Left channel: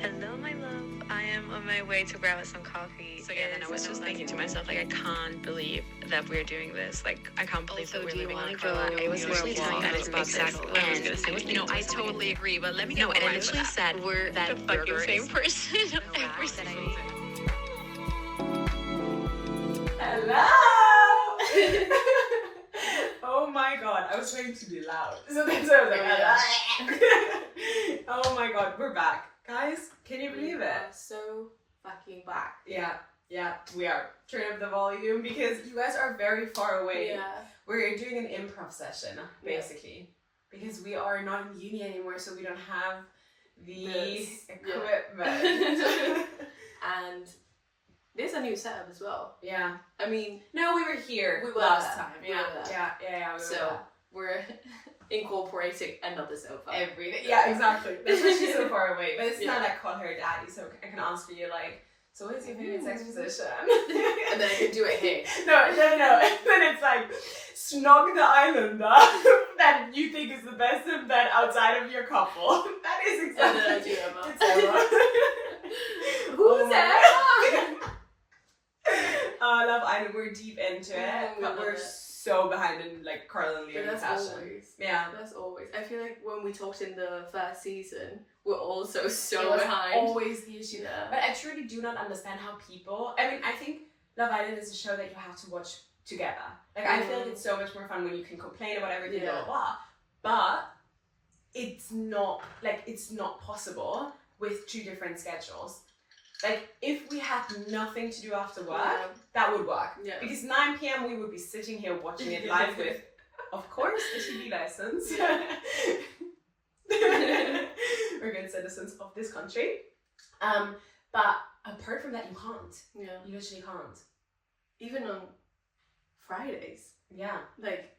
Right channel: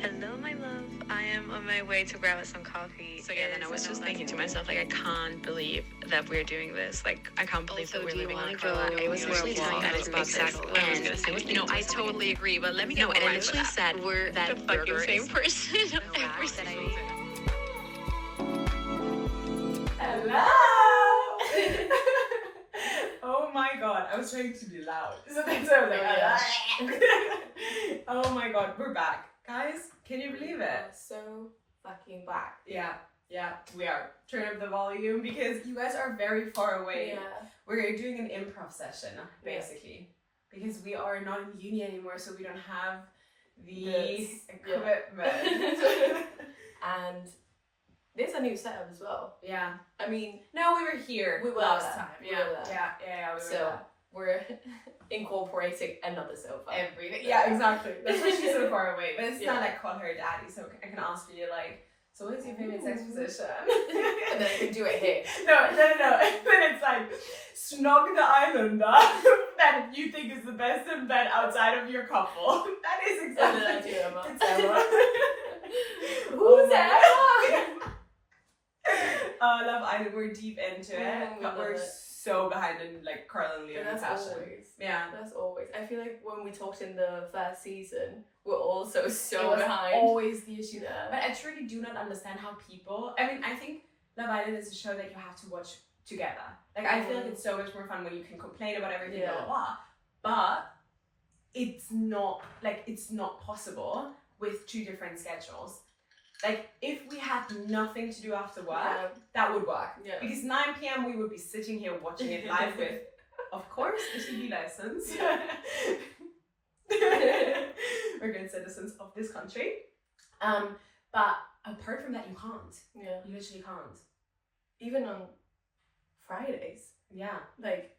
Hello, my love. I am on my way to grab us some coffee. So yeah, then I was just thinking to myself, like, I can't believe that we're doing this. Like, I can't believe that we're living on Carla. I was literally telling that exactly what I was gonna say. You know, I totally agree, but let me get and I literally said we're that the fucking burger same is person every that I single day. Hello! Oh my god, I was trying to be loud. So that's why I was like, oh my god, we're back. Guys, can you believe it? So fucking back. Yeah, we are. Turn up the volume because you guys are very far away. Yeah. We're doing an improv session, basically. Because we are not in uni anymore, so we don't have the equipment. And there's a new setup as well. Yeah. I mean, No, we were here last time. We were there. Yeah, we were So there. we're incorporating another sofa. Everything. Yeah, exactly. That's why she's so far away. But it's Yeah. not like call her daddy, so I can ask you like, so what is your favorite sex position? And then I can do it here. No. Then it's like snog the islander that you think is the best in bed outside of your couple. That is And exactly. then I do Emma. It's Emma. Who's Emma? Oh, Love Island, we're deep into it, we but we're love it. so behind in like Carla and Leonie That's fashion. always. Yeah. That's always. I feel like when we talked in the first season, we're also It so was behind. always the issue. Yeah. But I truly do not understand how people. I mean, I think Love Island is a show that you have to watch together. Like, I feel like it's so much more fun when you can complain about everything, blah, blah, blah. But it's not possible with two different schedules. Like, if we had nothing to do after work, that would work. Yeah. Because 9 p.m. we would be sitting here watching it live with, of course, a TV license. We're good citizens of this country. But apart from that, you can't. Yeah. You literally can't. Even on Fridays, Yeah. like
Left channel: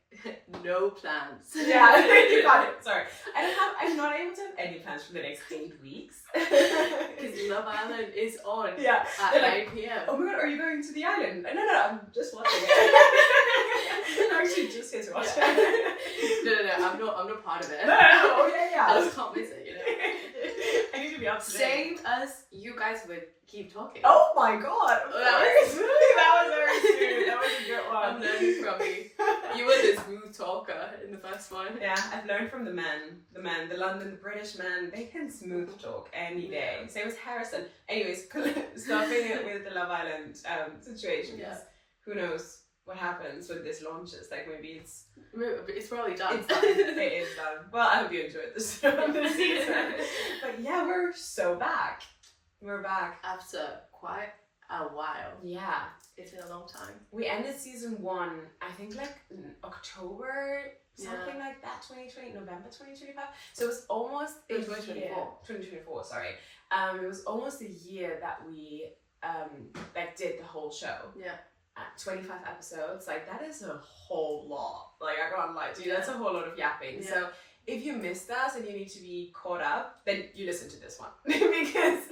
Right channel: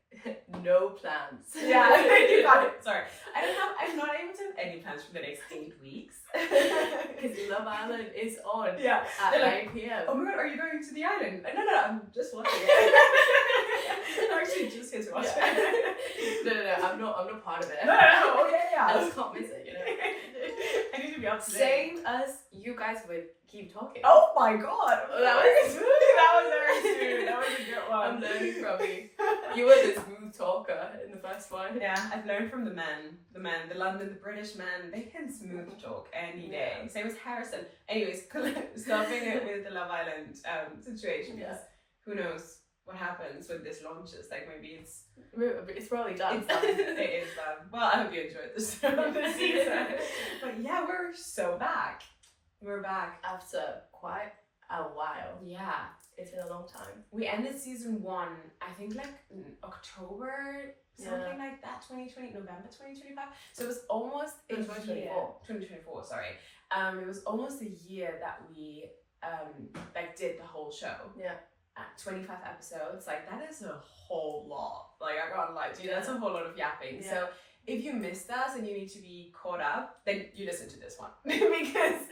no plans. Yeah, you got it. Sorry. I'm not able to have any plans for the next 8 weeks. Because Love Island is on Yeah. at They're 9 like, p.m. oh my god, are you going to the island? No, I'm just watching it. I'm actually just here to watch it. No, I'm not part of it. No, oh yeah. I just can't miss it, you know. I need to be up to date. Same as you guys would keep talking. Oh my god. That was very smooth. That was a good one. I'm learning from you. You were the smooth talker in the first one. Yeah, I've learned from the London, the British men. They can smooth talk any day. Same as Harrison. Anyways, stopping it with the Love Island situation. Because who knows what happens when this launches? Like maybe It's probably done. it's done. It is done. Well, I hope you enjoyed this season. But yeah, we're so back. We're back. After quite a while. Yeah. It's been a long time. We ended season 1, I think like in October, something like that, November 2025. So it was almost a 2024. year. 2024, sorry. It was almost a year that we like did the whole show. Yeah. 25 episodes, like that is a whole lot. Like I can't lie to you, that's a whole lot of yapping. Yeah. So if you missed us and you need to be caught up, then you listen to this one because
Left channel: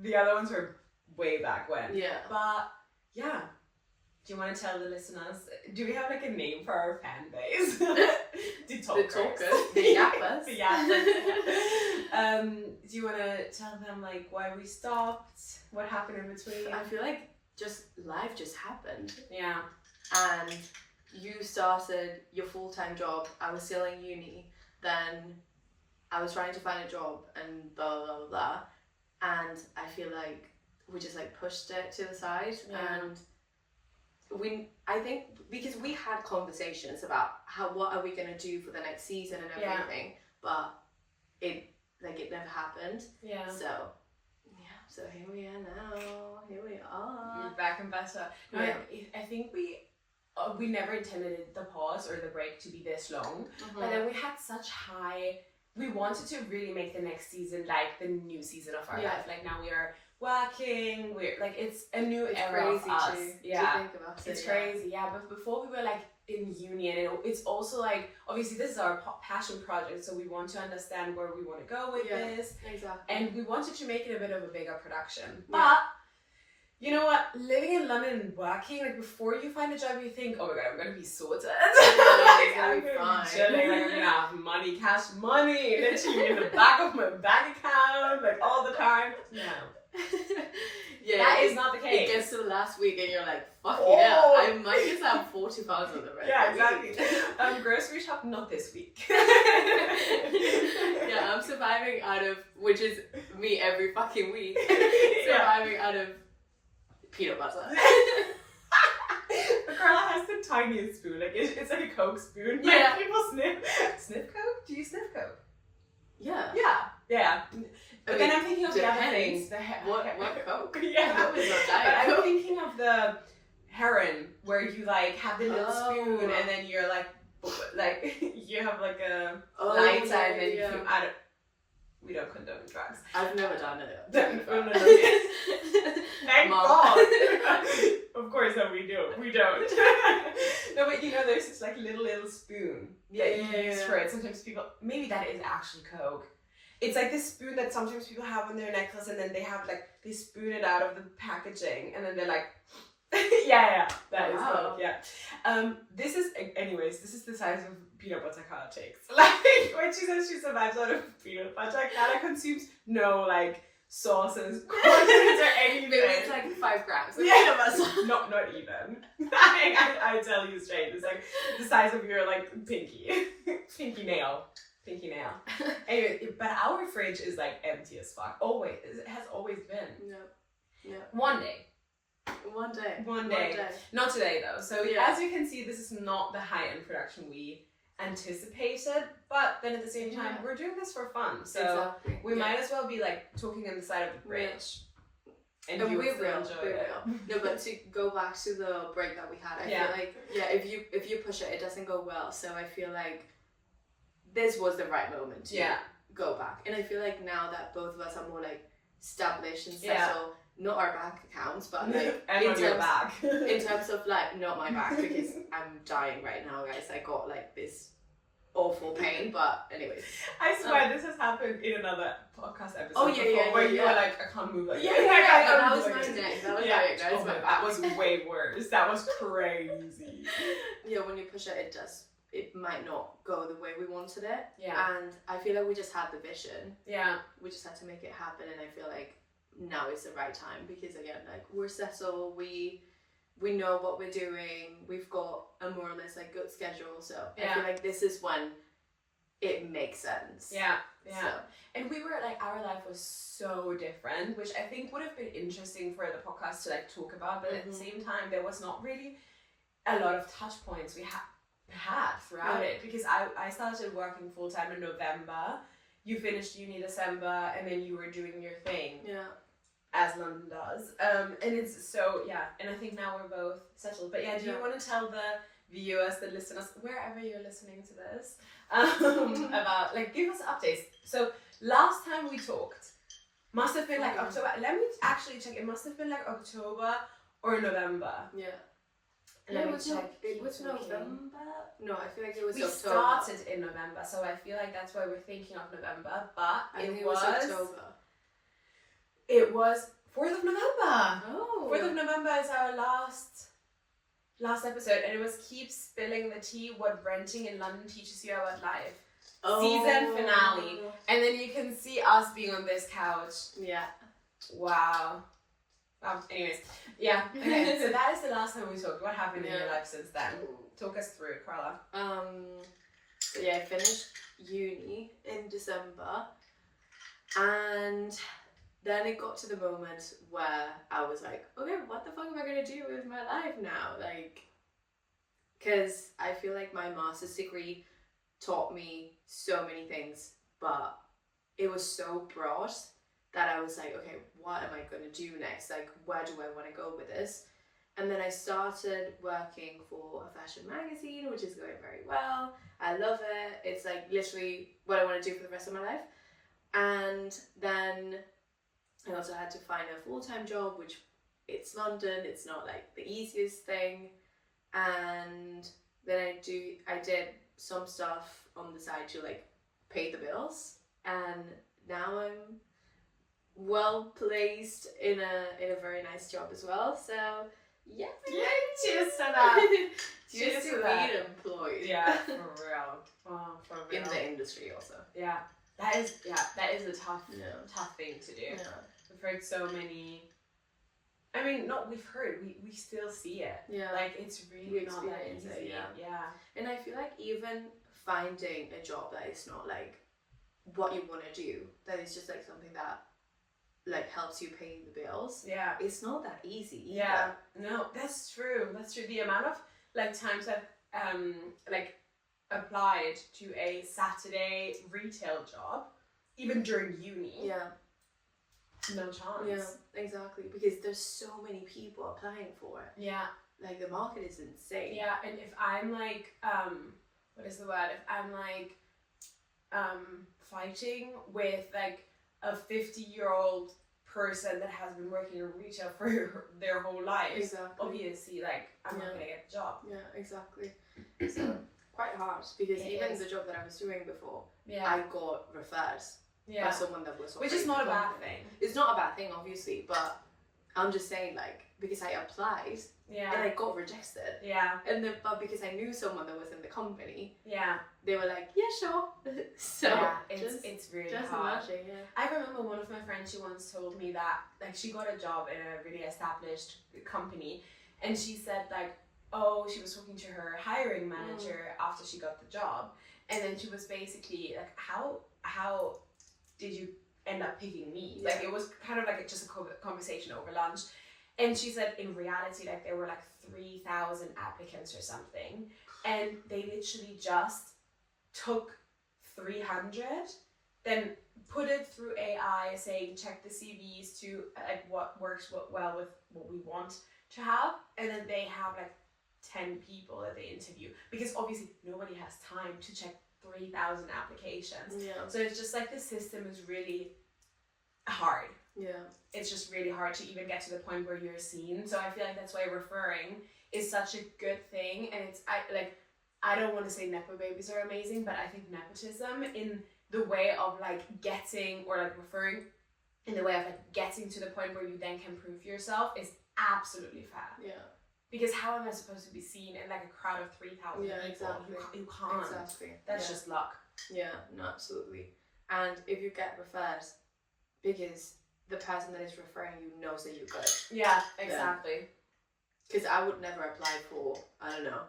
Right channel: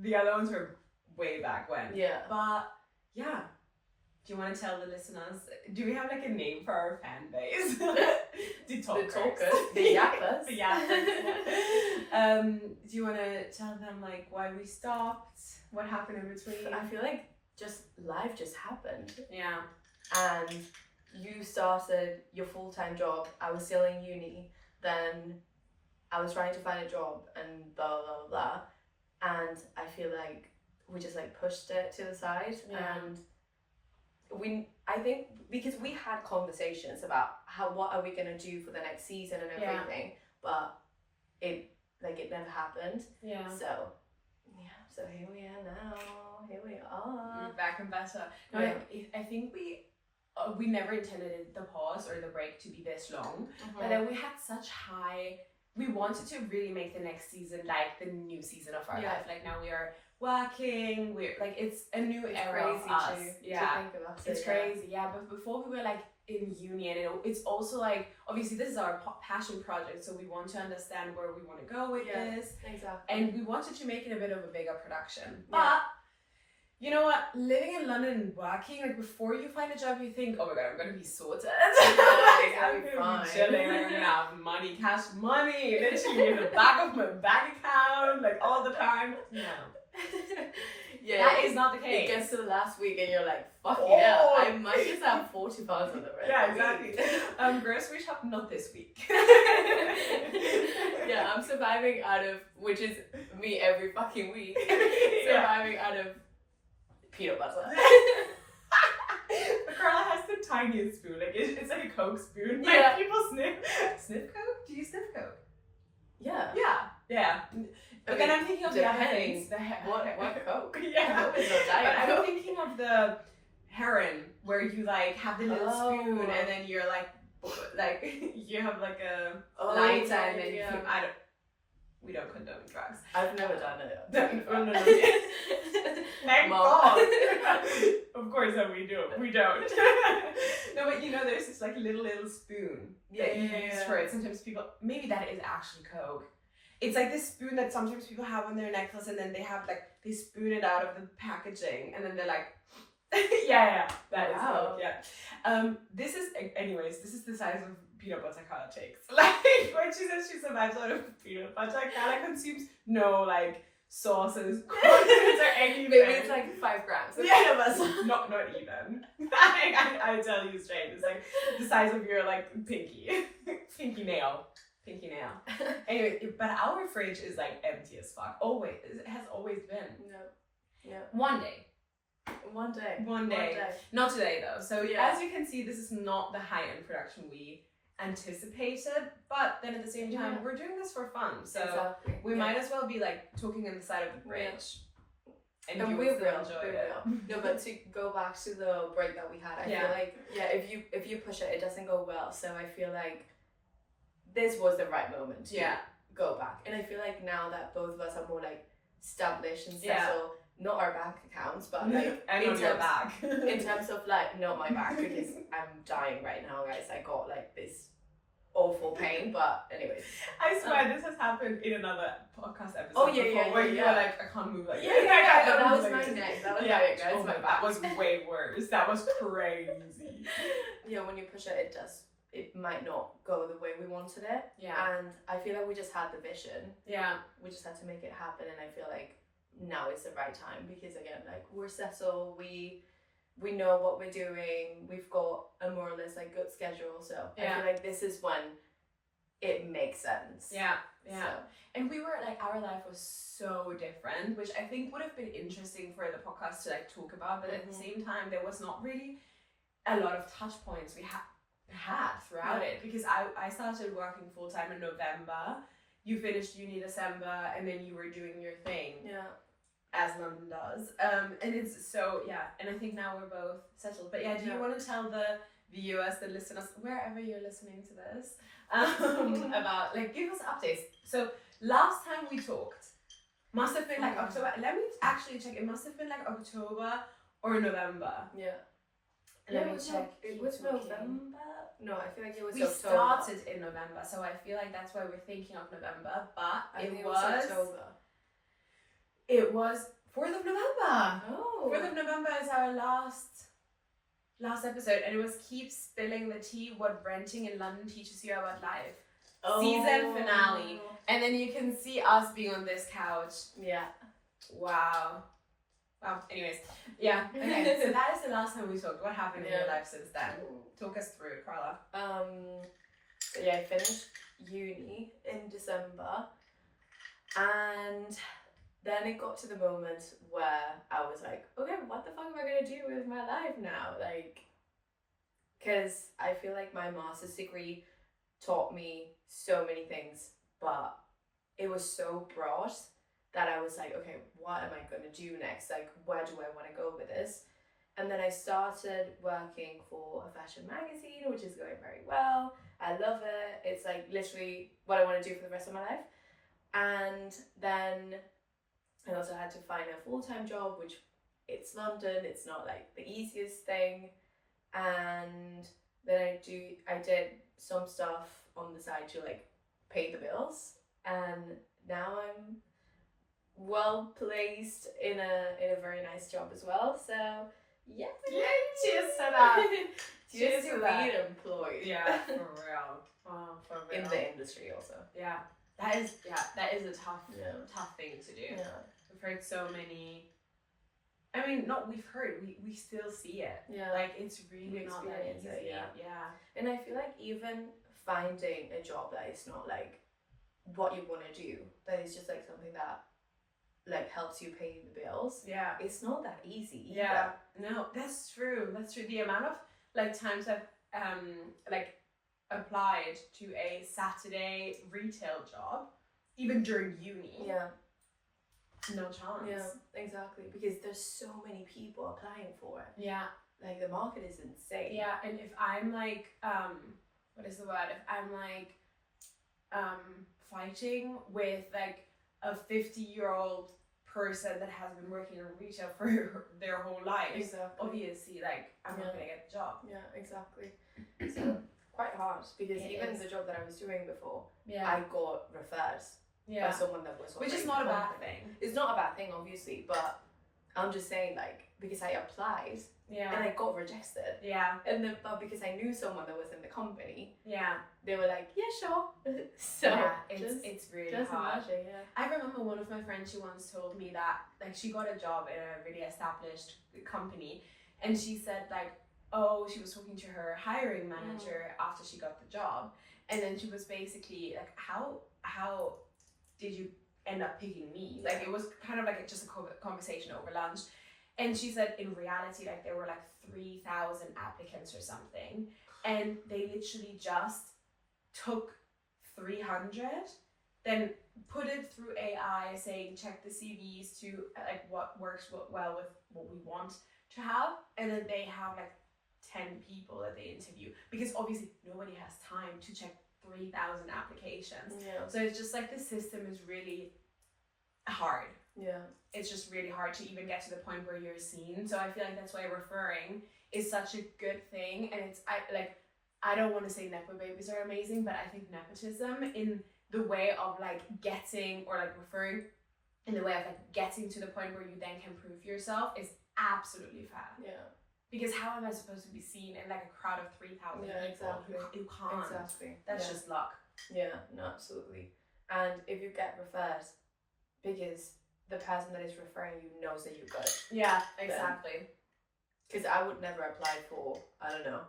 the other ones were way back when. Yeah. But yeah, do you want to tell the listeners? Do we have like a name for our fan base? The talkers. The yappers. The yappers. Do you want to tell them like why we stopped? What happened in between? I feel like life just happened. Yeah. And you started your full-time job. I was still in uni. Then I was trying to find a job and blah, blah, blah, blah. And I feel like we just like pushed it to the side. Yeah. And I think because we had conversations about what are we going to do for the next season and everything. But it never happened. Yeah. So here we are now. Here we are. We're back and better. No, Yeah. I think we never intended the pause or the break to be this long, Mm-hmm. but then we had such high. We wanted to really make the next season like the new season of our life. Like now we are working. We're like it's a new era of us. To think about It's crazy. Yeah, but before we were like in uni, and it's also like obviously this is our passion project, so we want to understand where we want to go with this. Exactly. And we wanted to make it a bit of a bigger production. Yeah. But you know what? Living in London and working, like before you find a job, you think, oh my god, I'm gonna be sorted. Like, I'm gonna be chilling, like I'm gonna have cash money, literally in the back of my bank account, like all the time. time, no. Yeah, That is not the It case. gets to the last week and you're like, fucking Oh. hell, I might just have 40 pounds on the rest. Yeah, exactly. Grocery shop, not this week. Yeah, I'm surviving out of, which is me every fucking week, surviving out of peanut butter. But Carla has the tiniest spoon. Like it's like a Coke spoon. Yeah. Like people sniff Coke. Do you sniff Coke? Yeah. Yeah. But then I'm thinking of the other depends. things. What Coke? Yeah. Coke is not But Diet I'm Coke. thinking of the heron where you like have the little spoon and then you're like you have like a light time and you, we don't condone drugs. I've never done it. No. Thank God. Of course that we do. We don't. No, but there's this like little spoon that you use for it. Sometimes people, maybe that is actually Coke. It's like this spoon that sometimes people have on their necklace and then they spoon it out of the packaging and then they're like, that is Coke, this is the size of peanut butter Carla takes. Like, when she says she survives out of peanut butter, Carla consumes no, like, sauces, condiments, or anything. Maybe it's like 5 grams of peanut butter. Not even. I tell you straight, it's like the size of your, like, pinky nail. Anyway, but our fridge is, like, empty as fuck. Always. It has always been. No. One day. One day. Not today though. So Yeah. as you can see, this is not the high-end production we anticipated, but then at the same time, we're doing this for fun. So we might as well be like talking on the side of the bridge. And you will still enjoy it. No, but to go back to the break that we had, I feel like if you push it doesn't go well. So I feel like this was the right moment to go back. And I feel like now that both of us are more like established and settled, not our bank accounts, but like in terms of like not my back, because I'm dying right now, guys. I got like this awful pain, but anyways. I swear this has happened in another podcast episode. Oh yeah, where you were like, I can't move like that was my neck. That was my back. That was way worse. That was crazy. Yeah, when you push it, it might not go the way we wanted it. Yeah. And I feel like we just had the vision. Yeah. We just had to make it happen, and I feel like now is the right time because again, like we're settled, we know what we're doing, we've got a more or less like good schedule, so I feel like this is when it makes sense. So. And we were like, our life was so different, which I think would have been interesting for the podcast to like talk about, but at the same time there was not really a lot of touch points we had throughout it, because I started working full-time in November, you finished uni December, and then you were doing your thing. As London does. And it's so, and I think now we're both settled. But do you want to tell the viewers, the listeners, wherever you're listening to this, about, like, give us updates. So last time we talked, must have been like October. Let me actually check. It must have been like October or November. Let me check. It was November? No, I feel like it was we October. Started in November, so I feel like that's why we're thinking of November, but I think it was October. It was 4th of November. Oh. 4th of November is our last episode, and it was Keep Spilling the Tea, What Renting in London Teaches You About Life. Season finale. And then you can see us being on this couch. Wow. Anyways. Okay. So that is the last time we talked. What happened in your life since then? Talk us through it, Carla. So I finished uni in December, and then it got to the moment where I was like, okay, what the fuck am I gonna do with my life now? Like, because I feel like my master's degree taught me so many things, but it was so broad that I was like, okay, what am I gonna do next? Like, where do I want to go with this? And then I started working for a fashion magazine, which is going very well. I love it. It's like literally what I want to do for the rest of my life. And then I also had to find a full-time job, which it's London. It's not like the easiest thing. And then I did some stuff on the side to like pay the bills. And now I'm well placed in a very nice job as well. So yeah, cheers to that. Cheers to being employed. Yeah, for real. Oh, for real. In the industry also. Yeah, that is a tough thing to do. Yeah. heard so many. I mean, not we've heard. We still see it. Yeah. Like it's really not that experience easy. it, yeah. Yeah. And I feel like even finding a job that is not like what you want to do, that is just like something that like helps you pay the bills. Yeah. It's not that easy. Yeah. No, that's true. That's true. The amount of like times I've like applied to a Saturday retail job, even during uni. Yeah. No chance. Yeah, exactly. Because there's so many people applying for it. Yeah. Like the market is insane. Yeah, and if I'm like, what is the word? If I'm like, fighting with like a 50-year-old person that has been working in retail for their whole life, Exactly. obviously, like I'm not gonna get the job. Yeah, exactly. So quite hard because It even is. the job that I was doing before, Yeah. I got referred Yeah. by someone that was. Which is already not a in the bad company. thing. It's not a bad thing, obviously, but I'm just saying, like, because I applied Yeah. and I got rejected, Yeah. and then but because I knew someone that was in the company, Yeah. they were like, yeah, sure. So yeah. just, It's really just hard. imagine, yeah. I remember one of my friends, she once told me that like she got a job in a really established company, and she said like, oh, she was talking to her hiring manager after she got the job, and then she was basically like, how did you end up picking me? Yeah. Like it was kind of like just a conversation over lunch, and she said in reality like there were like 3,000 applicants or something, and they literally just took 300, then put it through AI, saying check the CVs to like what works well with what we want to have, and then they have like 10 people that they interview, because obviously nobody has time to check 3,000 applications. Yeah. So it's just like the system is really hard. Yeah. It's just really hard to even get to the point where you're seen. So I feel like that's why referring is such a good thing. And it's I don't want to say nepo babies are amazing, but I think nepotism in the way of like getting, or like referring in the way of like getting to the point where you then can prove yourself is absolutely fair. Yeah. Because how am I supposed to be seen in like a crowd of 3,000 Yeah, people? exactly. You can't. Exactly. That's yeah. just luck. Yeah, no, absolutely. And if you get referred, because the person that is referring you knows that you're good. Yeah, exactly. Because I would never apply for, I don't know,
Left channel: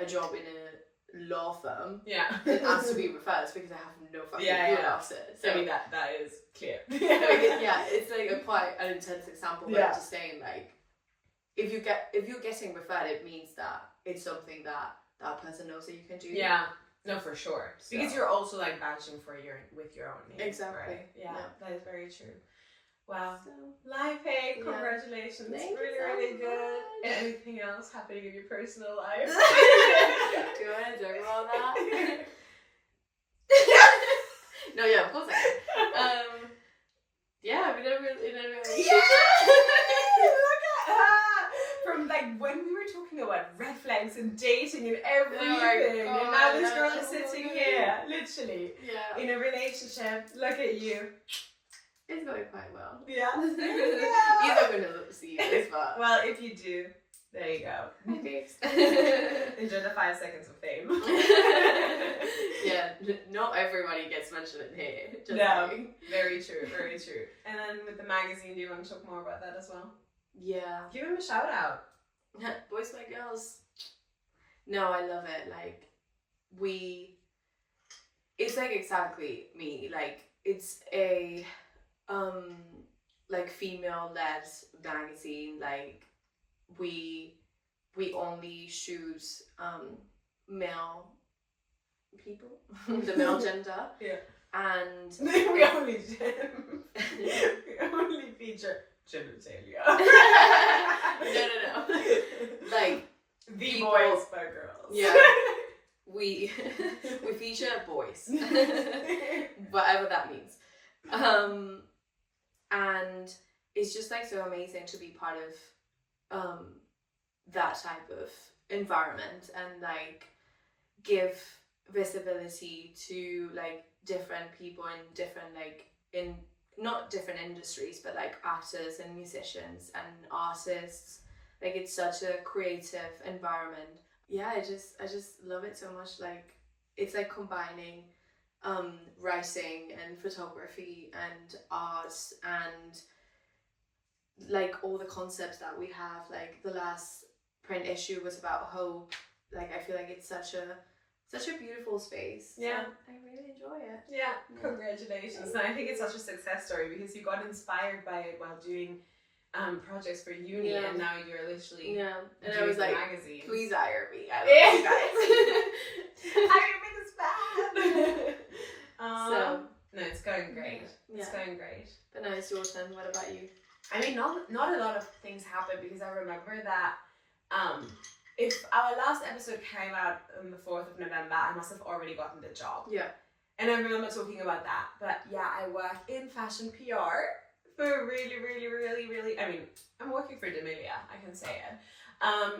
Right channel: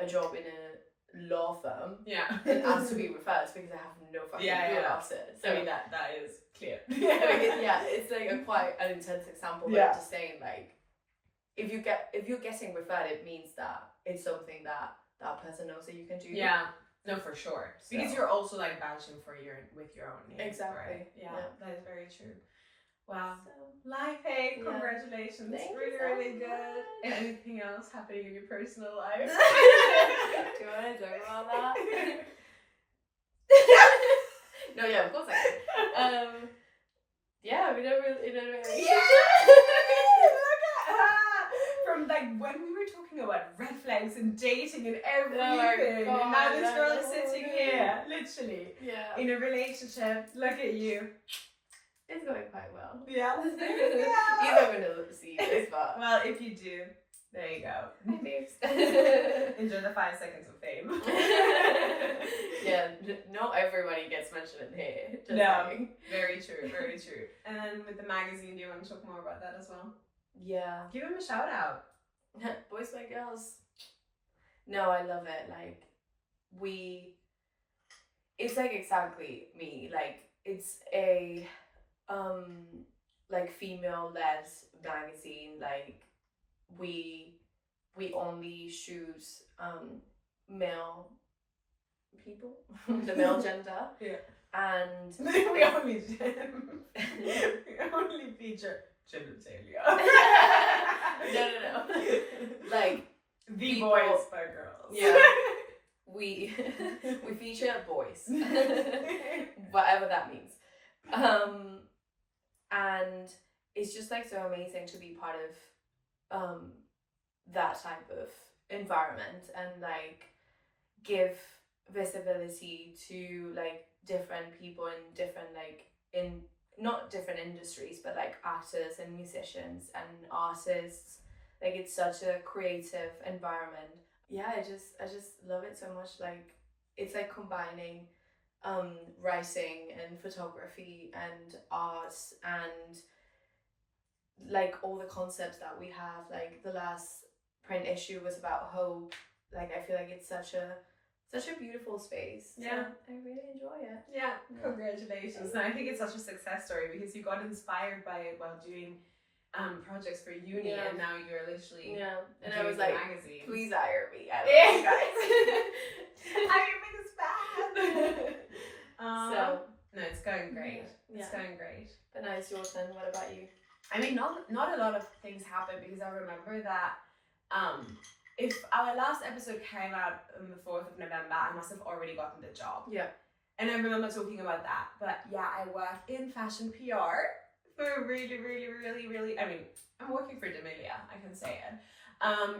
a job in a law firm. Yeah. It has to be referred because I have no fucking clue about it. So I mean, that is clear. yeah, it's like a quite an intense example, but Yeah. I'm just saying, like, if you're getting referred, it means that it's something that that person knows that you can do. Yeah. No, for sure. So- Because you're also like vouching for with your own name. Exactly. Right? Yeah, Yeah. that is very true. Wow. So, Life hack, Yeah. congratulations. Thank you really, so really good. much. And anything else happening in your personal life? do you want to talk about that? No, yeah, of course I can. Yeah, I'm in a relationship. From like when we were talking about red flags and dating and everything, God, and now this girl I is know. sitting here, literally, Yeah, in a relationship. Look at you. it's going quite well. Yeah. You're not gonna see this, but Well, if you do, there you go. okay. Enjoy the 5 seconds of fame. Yeah, not everybody gets mentioned in here. Just No. saying. Very true, very true. And then with the magazine, do you want to talk more about that as well? Yeah. Give him a shout out. Boys like girls. No, I love it. Like, it's like exactly me. Like, it's a like female led magazine. Like, we only shoot male people, the male gender. Yeah. And we only feature genitalia. No. Like, the people- boys by girls. yeah, we feature boys, whatever that means. And it's just like so amazing to be part of that type of environment and like give visibility to like different people in different like in not different industries but like actors and musicians and artists. Like, it's such a creative environment. Yeah, I just love it so much. Like, it's like combining writing and photography and arts and like all the concepts that we have. Like the last print issue was about hope. Like I feel like it's such a beautiful space. Yeah. So I really enjoy it. Yeah, congratulations. And I think it's such a success story because you got inspired by it while doing projects for uni, and now you're literally and I was like, magazines. Please hire me. I love you guys. Hire me this bad. So no, it's going great. It's going great. But no, it's your turn. What about you? I mean, not a lot of things happened because I remember that if our last episode came out on the 4th of November, I must have already gotten the job. Yeah. And I remember talking about that. But yeah, I work in fashion PR for really, I mean, I'm working for D'Amelia, I can say it.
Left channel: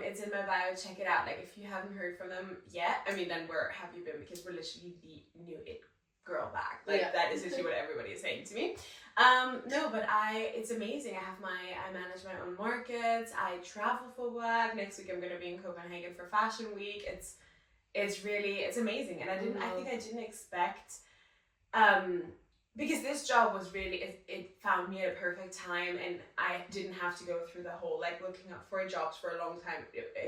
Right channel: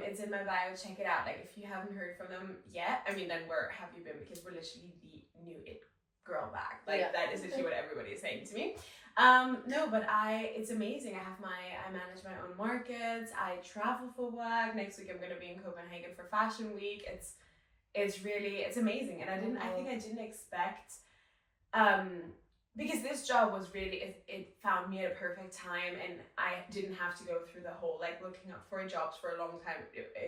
It's in my bio, check it out. Like, if you haven't heard from them yet, I mean, then where have you been? Because we're literally the new it girl bag. Like, that is literally what everybody is saying to me. No, but it's amazing. I manage my own markets. I travel for work. Next week I'm going to be in Copenhagen for Fashion Week. It's amazing. And I think I didn't expect, because this job was really, it found me at a perfect time, and I didn't have to go through the whole, like, looking up for jobs for a long time.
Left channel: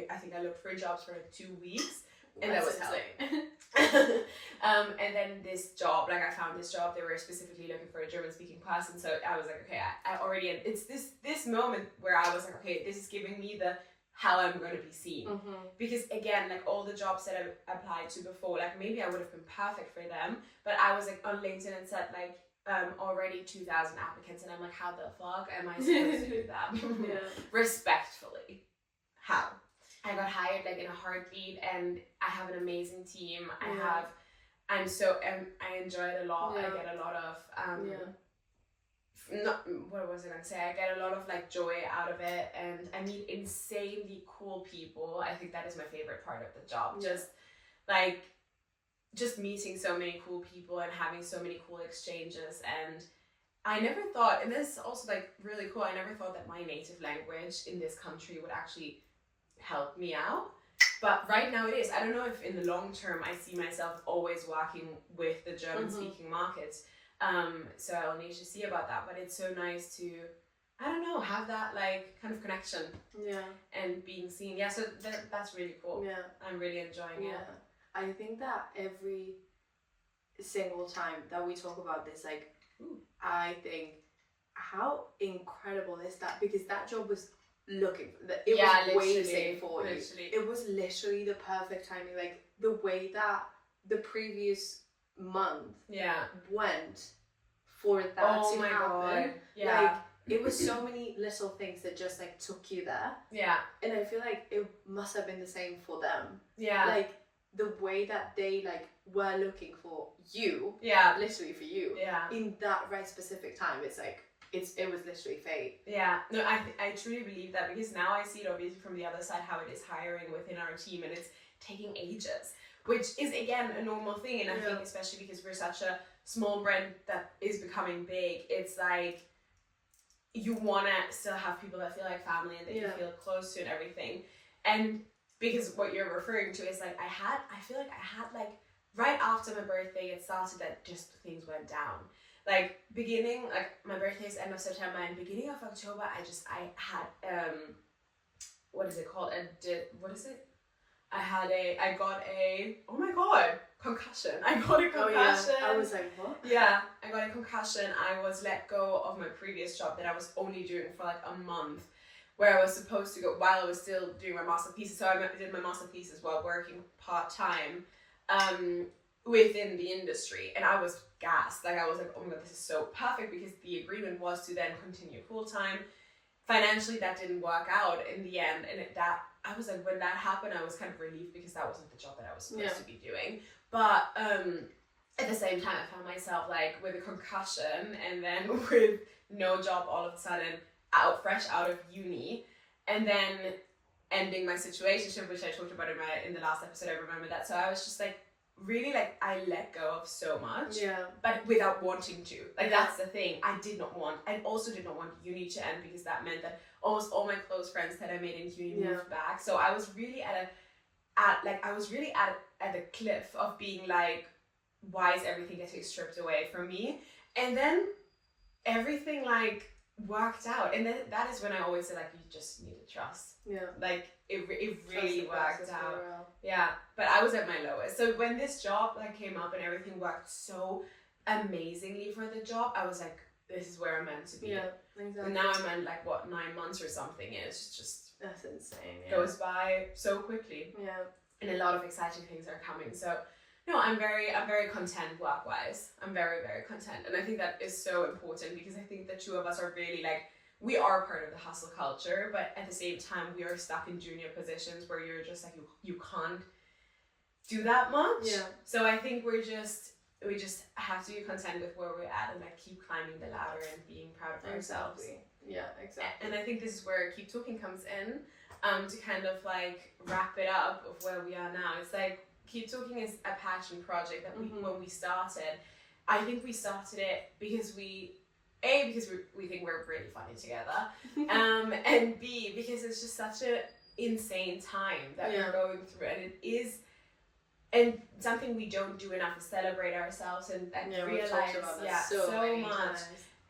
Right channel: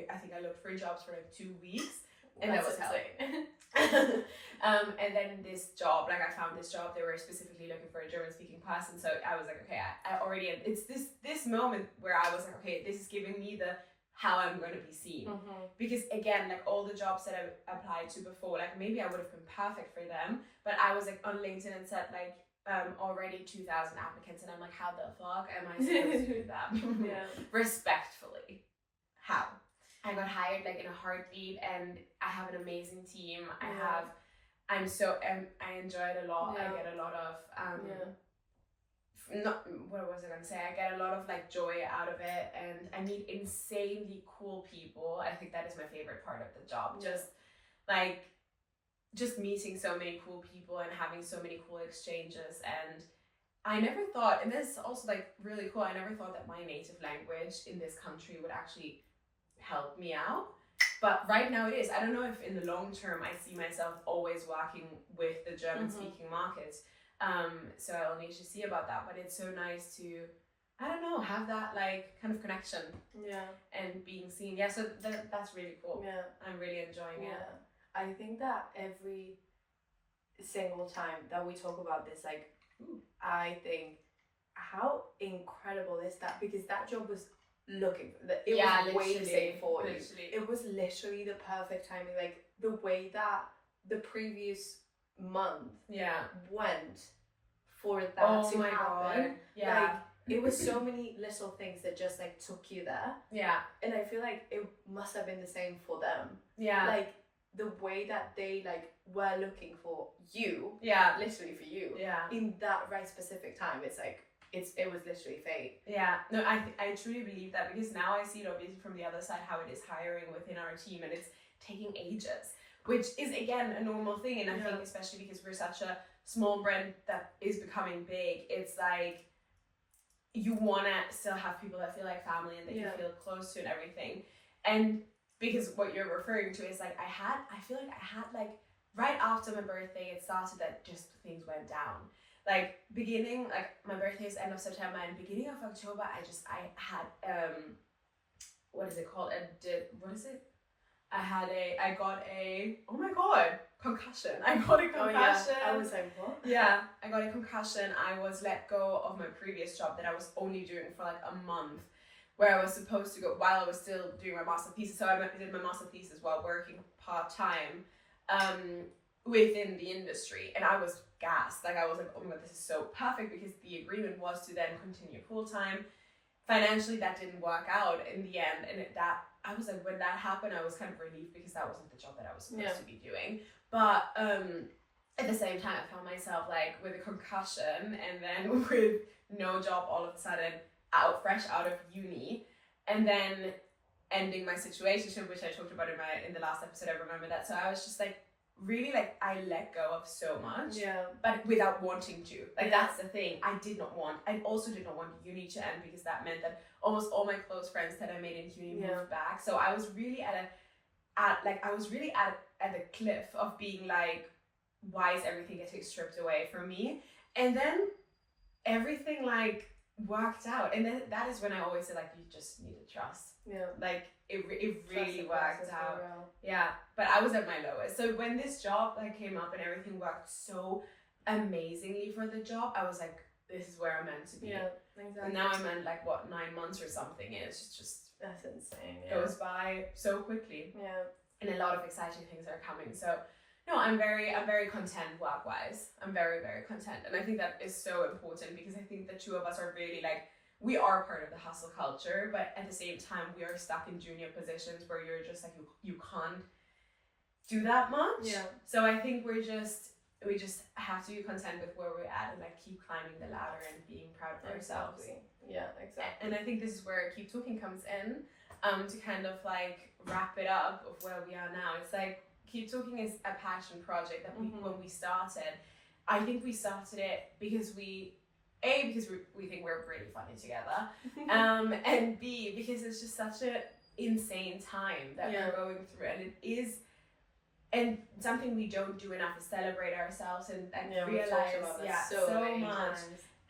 I think I looked for jobs for like 2 weeks, and that was insane. And then this job, like I found this job, they were specifically looking for a German-speaking person, so I was like, okay, I already, it's this moment where I was like, okay, this is giving me the how I'm going to be seen. Because again, like all the jobs that I applied to before, like maybe I would have been perfect for them, but I was like on LinkedIn and said like already 2,000 applicants, and I'm like, how the fuck am I supposed to do that? Respectfully, how? I got hired like in a heartbeat, and I have an amazing team. I enjoy it a lot. I get a lot of what was I gonna say? I get a lot of like joy out of it, and I meet insanely cool people. I think that is my favorite part of the job. Just meeting so many cool people and having so many cool exchanges. And I never thought, and this is also like really cool, I never thought that my native language in this country would actually help me out, but right now it is. I don't know if in the long term I see myself always working with the German speaking markets, so I'll need to see about that, but it's so nice to, I don't know, have that like kind of connection and being seen. So that's really cool. I'm really enjoying it. I think that every single time that we talk about this, like I think how incredible is that, because that job was looking for that, it was waiting for you. It was literally the perfect timing, like the way that the previous month went for that to happen. Like it was so many little things that just like took you there. And I feel like it must have been the same for them. Like the way that they like were looking for you, literally for you, in that right specific time. It's like it was literally fate. No, I truly believe that, because now I see it obviously from the other side, how it is hiring within our team, and it's taking ages, which is again a normal thing. And I think especially because we're such a small brand that is becoming big, it's like you want to still have people that feel like family and that you feel close to and everything. And because what you're referring to is like I feel like I had like right after my birthday, it started that just things went down. Like beginning, like my birthday is end of September, and beginning of October, I had what is it called? I got a, oh my god, concussion. I got a concussion. I was like, what? Yeah, I got a concussion. I was let go of my previous job that I was only doing for like a month, where I was supposed to go while I was still doing my master thesis. So I did my master thesis while working part-time within the industry, and I was gassed. Like I was like, oh my god, this is so perfect, because the agreement was to then continue full-time. Financially, that didn't work out in the end, and I was like, when that happened, I was kind of relieved, because that wasn't the job that I was supposed to be doing. But at the same time, I found myself like with a concussion, and then with no job all of a sudden, fresh out of uni, and then ending my situationship, which I talked about in the last episode. I remember that. So I was just like, really, like I let go of so much, but without wanting to. Like that's the thing. I also did not want uni to end, because that meant that almost all my close friends that I made in uni moved back. So I was really at a cliff of being like, why is everything getting stripped away from me? And then everything like worked out, and then that is when I always say like you just need to trust. Yeah. Like it really worked out. Real. Yeah, but I was at my lowest. So when this job like came up and everything worked so amazingly for the job, I was like, this is where I'm meant to be. Yeah, exactly. And now I'm in like 9 months or something, and it's just that's insane. Yeah. goes by so quickly. Yeah. And a lot of exciting things are coming. So no, I'm very content work wise. I'm very, very content. And I think that is so important because I think the two of us are really like, we are part of the hustle culture, but at the same time we are stuck in junior positions where you're just like you can't do that much. Yeah. So I think we just have to be content with where we're at and like keep climbing the ladder and being proud of ourselves. Exactly. Yeah, exactly. And I think this is where Keep Talking comes in, to kind of like wrap it up of where we are now. It's like Keep Talking is a passion project that we when we started, I think we started it because we think we're really funny together, and B, because it's just such an insane time that we're going through, and it is, and something we don't do enough is celebrate ourselves and realize so much,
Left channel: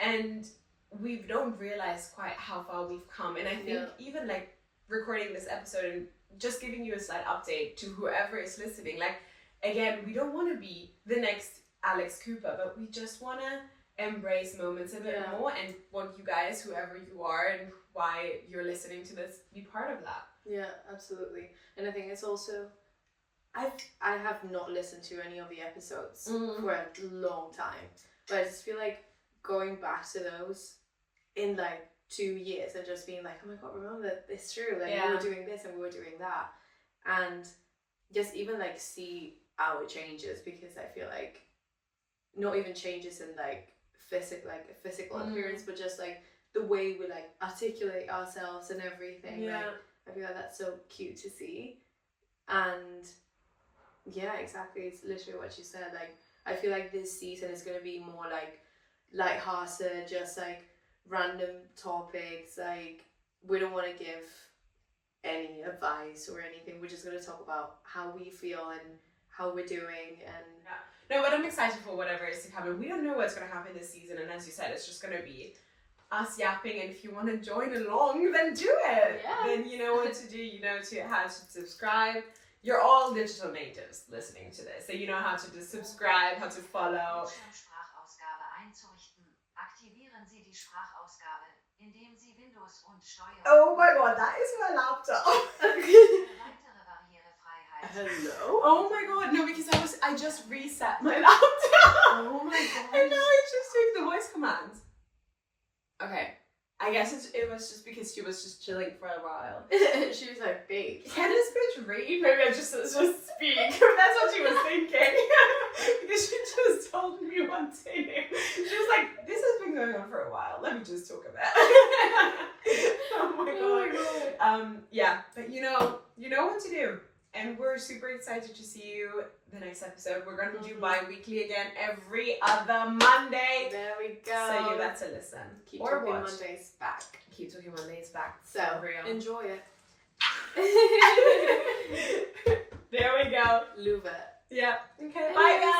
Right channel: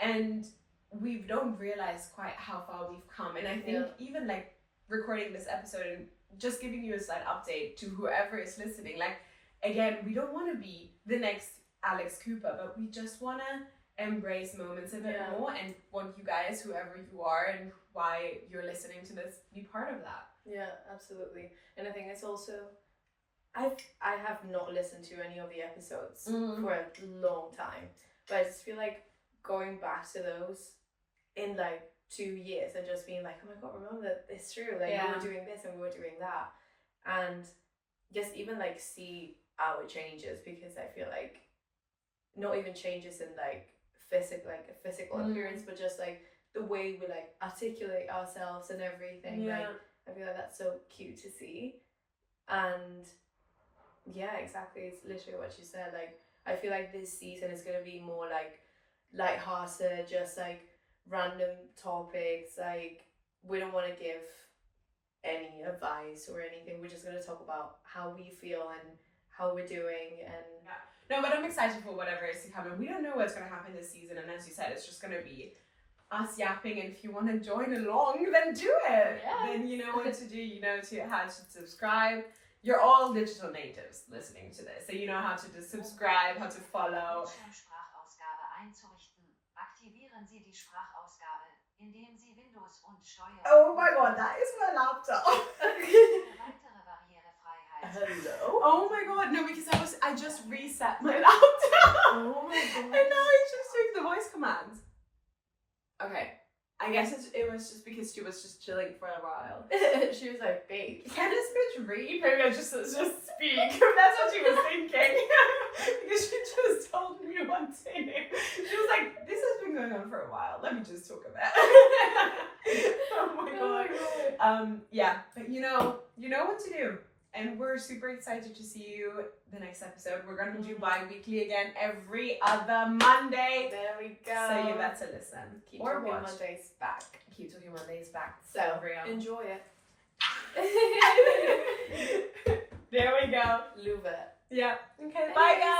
and we don't realize quite how far we've come. And I think even like recording this episode and just giving you a slight update to whoever is listening, like again, we don't want to be the next Alex Cooper, but we just want to embrace moments a bit more and want you guys, whoever you are and why you're listening to this, be part of that. Yeah, absolutely. And I think it's also, I have not listened to any of the episodes for a long time, but I just feel like going back to those in like 2 years and just being like, oh my god, remember that it's true, like we were doing this and we were doing that, and just even like see our changes, because I feel like not even changes in like physical appearance, but just like the way we like articulate ourselves and everything. Like, I feel like that's so cute to see. And yeah, exactly, it's literally what you said. Like I feel like this season is gonna be more like lighthearted, just like random topics. Like we don't want to give any advice or anything. We're just gonna talk about how we feel and how we're doing. And no, but I'm excited for whatever is to come, and we don't know what's going to happen this season, and as you said, it's just going to be us yapping, and if you want to join along, then do it. Then you know what to do, you know how to subscribe. You're all digital natives listening to this, so you know how to just subscribe, how to follow. Oh my god, that is my laptop. Hello? Oh my god, no, because I just reset my laptop. Oh my god. And now it's just doing the voice commands. Okay, I guess it was just because she was just chilling for a while. She was like, babe, can this bitch read? Maybe I just speak. That's what she was thinking. Because she just told me one thing. She was like, this has been going on for a while. Let me just talk about it. Oh my god. Yeah, but you know what to do. And we're super excited to see you the next episode. We're going to do bi-weekly again every other Monday. There we go. So you got to listen. Keep or Talking watch. Mondays back. Keep Talking Mondays back. So enjoy it. There we go. Love it. Yeah. Okay. Bye guys.